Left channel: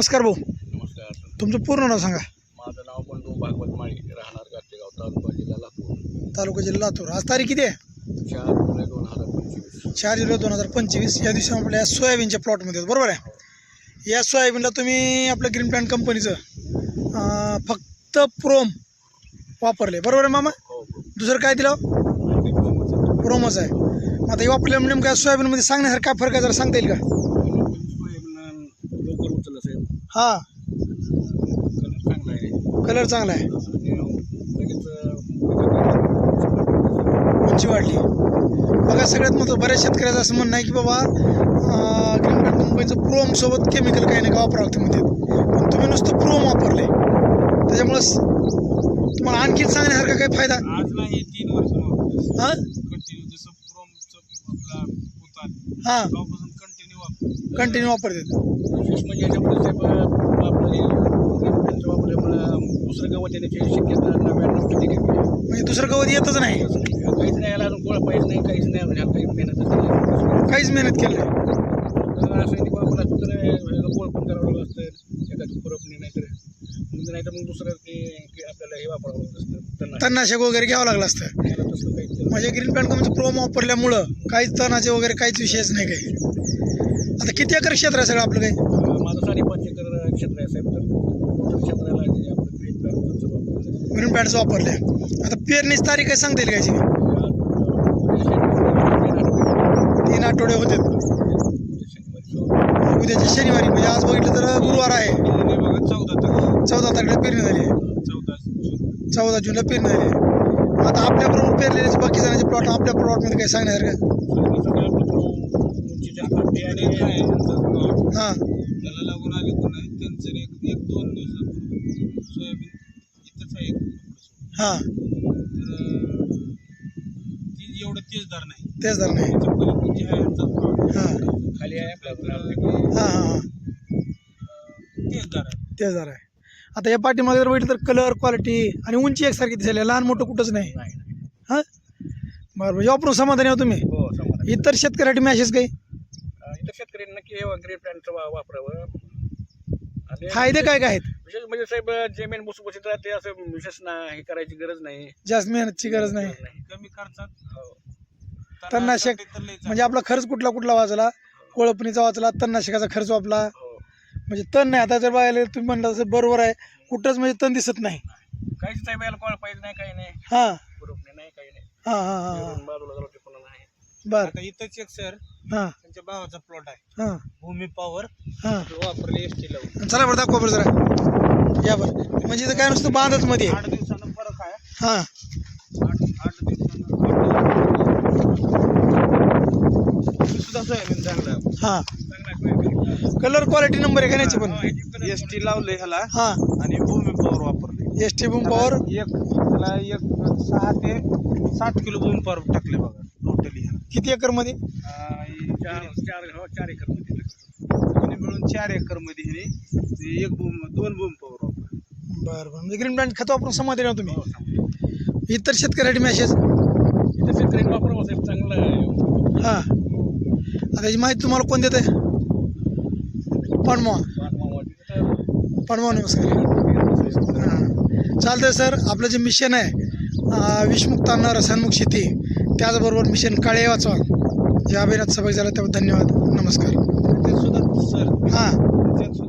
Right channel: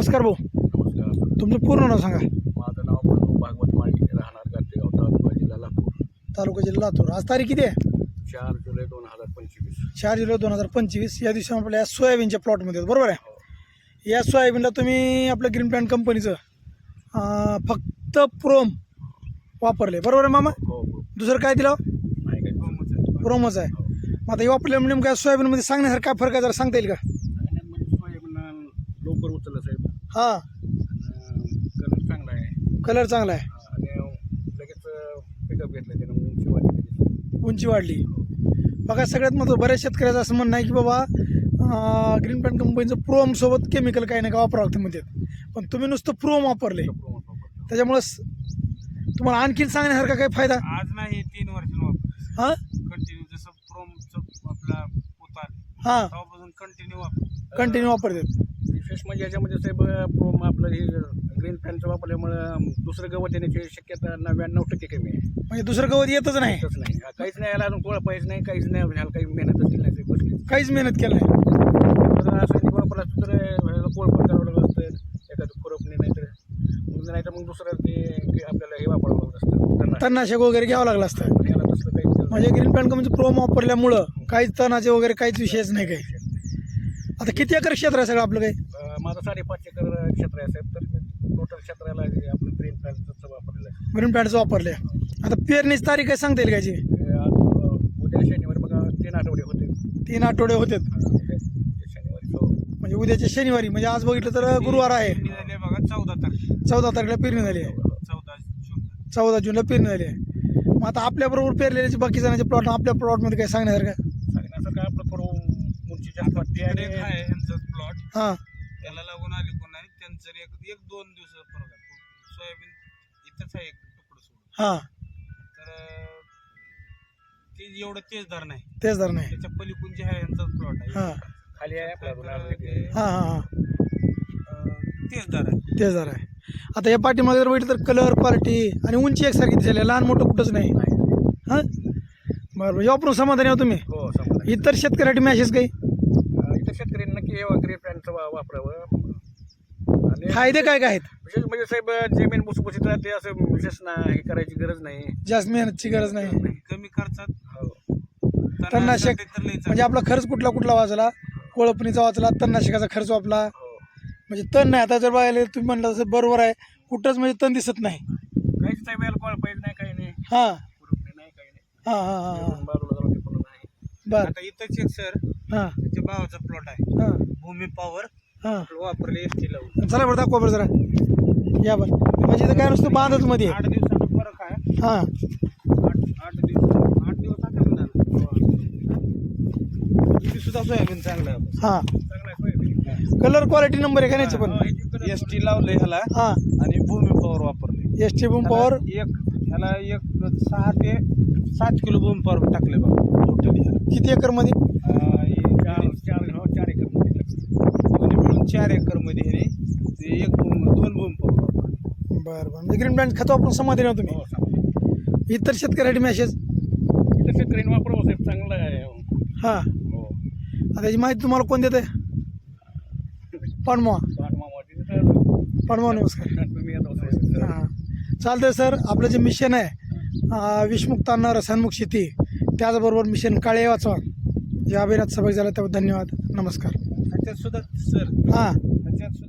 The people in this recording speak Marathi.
नमस्कार भाऊ, नमस्कार. तुमचं पूर्ण नाव सांगा. माझं नाव बंधू भागवत माळी, राहणार गातेगाव, तालुका जिल्हा लातूर. तालुका जिल्हा लातूर. आज तारीख किती आहे? 4 जुलै 2025. 4 जुलै 2025. या दिवशी आपल्या सोयाबीनच्या प्लॉटमध्ये बरोबर आहे. या सोयाबीनला तुम्ही आपलं ग्रीन प्लॅन्ट कंपनीचं फक्त प्रोम वापरले बरोबर आहे मामा? हो. दुसरं काय दिलं? प्रोमच आहे. मग आता हे वापरल्यामुळे नेमकं सोयाबीनमध्ये सांगण्यासारखं काय फरक आहे जरा सांगता येईल का? लवकर उचललं साहेब. हां, कलर चांगला आहे कलर चांगला आहे, आणि लगेच उंची वाढली. बघा सगळ्यात महत्त्वाचं बऱ्याच शेतकऱ्याचं असं म्हणणं आहे की बाबा ग्रीन प्लॅन्ट कंपनीचं प्रोमसोबत केमिकल काही नाही का वापरावं लागतं म्हणतात, पण तुम्ही नुसतं प्रोम वापरले त्याच्यामुळं तुम्हाला आणखीन सांगण्यासारखा काही फायदा? आज नाही 3 वर्ष हां कंटिन्यू जसं प्रोमचं आपला होता हां तेव्हापासून कंटिन्यू कंटिन्यू वापरतात. विशेष म्हणजे याच्यामध्ये साहेब आपलं हे ग्रीन पेनचं वापरल्यामुळं दुसरं गवत येण्याची शक्यता 99% कमी आहे. म्हणजे दुसरं गवत येतच नाही, काहीच नाही याला अजून कोळा पाहिजे नाही, काहीच नाही म्हणजे काही मेहनतच नाही. काहीच मेहनत केली नाही. असं की बाबा दुसरं कोळ पण करावं लागत असतं, एखादं खुरपणी नाहीतर मग दुसरं ते आपल्याला हे वापरावं लागत असतं. तणनाशक वगैरे घ्यावं लागलं असतं. त्याला तसलं काही म्हणजे ग्रीन प्लॅन्ट कंपनीचं प्रोम वापरल्यामुळं काहीच तणाचे वगैरे काहीच विषयच नाही काही. आता किती एकर क्षेत्र आहे सगळं आपलं काही? माझं 5.5 एकर क्षेत्र आहे साहेब. तर टोटल क्षेत्राला आपलं ग्रीन प्लॅनचं वापरलेलं आहे. ग्रीन प्लॅन्टचं वापरले. आता पेरणीची तारीख काय सांगता येईल कायची? 3 आठवडे होते उद्याच्या शनिवारी, म्हणजे आज बघितलं तर गुरुवार आहे. बघा 14 तारखेला पेरणी झाली आहे. 14 जूनला पेरणी झाली आहे. आता आपल्याबरोबर पेरलेले बाकी जणांचे प्लॉट आपल्या प्लॉटमध्ये काही सांगण्यासारखं? हां, त्याला लागून आले कोण आहे त्यांचं एक 2 दिवसापूर्वी सोयाबीन इथंच आहे हां, तर ती एवढं तेजदार नाही, तेच धर नाही. त्याच्या पलीकडून जे आहे यांचा प्लॉट हां खाली आहे हां हां हां तेजदार आहे. तेच धर आहे. आता या पाठीमागे जर बघितलं तर कलर क्वालिटी आणि उंची एकसारखी दिसायला, लहान मोठं कुठंच नाही. हां बरं, म्हणजे वापरून समाधानी आहो तुम्ही? हो समजा. इतर शेतकऱ्यासाठी मॅसेज काही इतर शेतकऱ्यांना नक्की ग्रीन प्लॅनचं वापरावं. आणि फायदे काय काय आहेत? विशेष म्हणजे साहेब जमीन भुसभुशीत राहते, असं विशेष हे करायची गरज नाही. जास्त मेहनतची गरज नाही. कमी खर्चात तणनाशक तर लई म्हणजे आपला खर्च कुठला वाचला, कोळपणीचा वाचला, तणनाशकाचा खर्च वाचला. म्हणजे तण नाही. आता जर बघायला तुम्ही म्हणलं तसं बरोबर आहे, कुठंच म्हणजे तण दिसत नाही. काहीच साहेब याला कोळ पाहिजे नाही, काही नाही, हां खुरपणी नाही, काही नाही. हां हां हां हां बाजूला जरा टिपून नाही. बरं आता इथंच एक सर हां त्याच्या भावाचा प्लॉट आहे, हां भूमी पॉवर हां वापरले एसटी लावून. चला बरं दाखवा बरं जरा या बरं. म्हणजे इथं काय नुसतं बांधच मध्ये 8 दिवसाचा फरक आहे. हां 8 दिवस सुद्धा सोयाबीन चांगलं हां कलर क्वालिटी नंबर आहे का नाही पण? एसटी लावले ह्याला हां आणि भूमी पॉवर वापरले. एस टी बूम पॉवर ह्याला 6 ते 7 किलो भूमी पॉवर टाकले बघा टोटली. किती एकरमध्ये? 4 एकर मध्ये दोन्ही मिळून 4 एकरमध्ये ह्याने 2 भूमी पॉवर. बरं बरं, म्हणजे ग्रीन प्लॅन्ट खत वापरून समाधानी आहो तुम्ही? इतर शेतकऱ्यासाठी मॅसेज? इथं शेतकऱ्यांनी वापरावं साहेब, चांगलं आहे. हां, आता याची माहिती तुम्हाला कोण देत आहे? पणमवा. नमस्कार. हां चालतंय सर. आपलं जे मिशन आहे विषमुक्त अन्न रसायनमुक्त शेती, त्याचबरोबर मिशन काळे वाचवा, या अभियानात सहभागी झाला त्याबद्दल धन्यवाद. नमस्कार. ते सुद्धा सर हां त्यात सुद्धा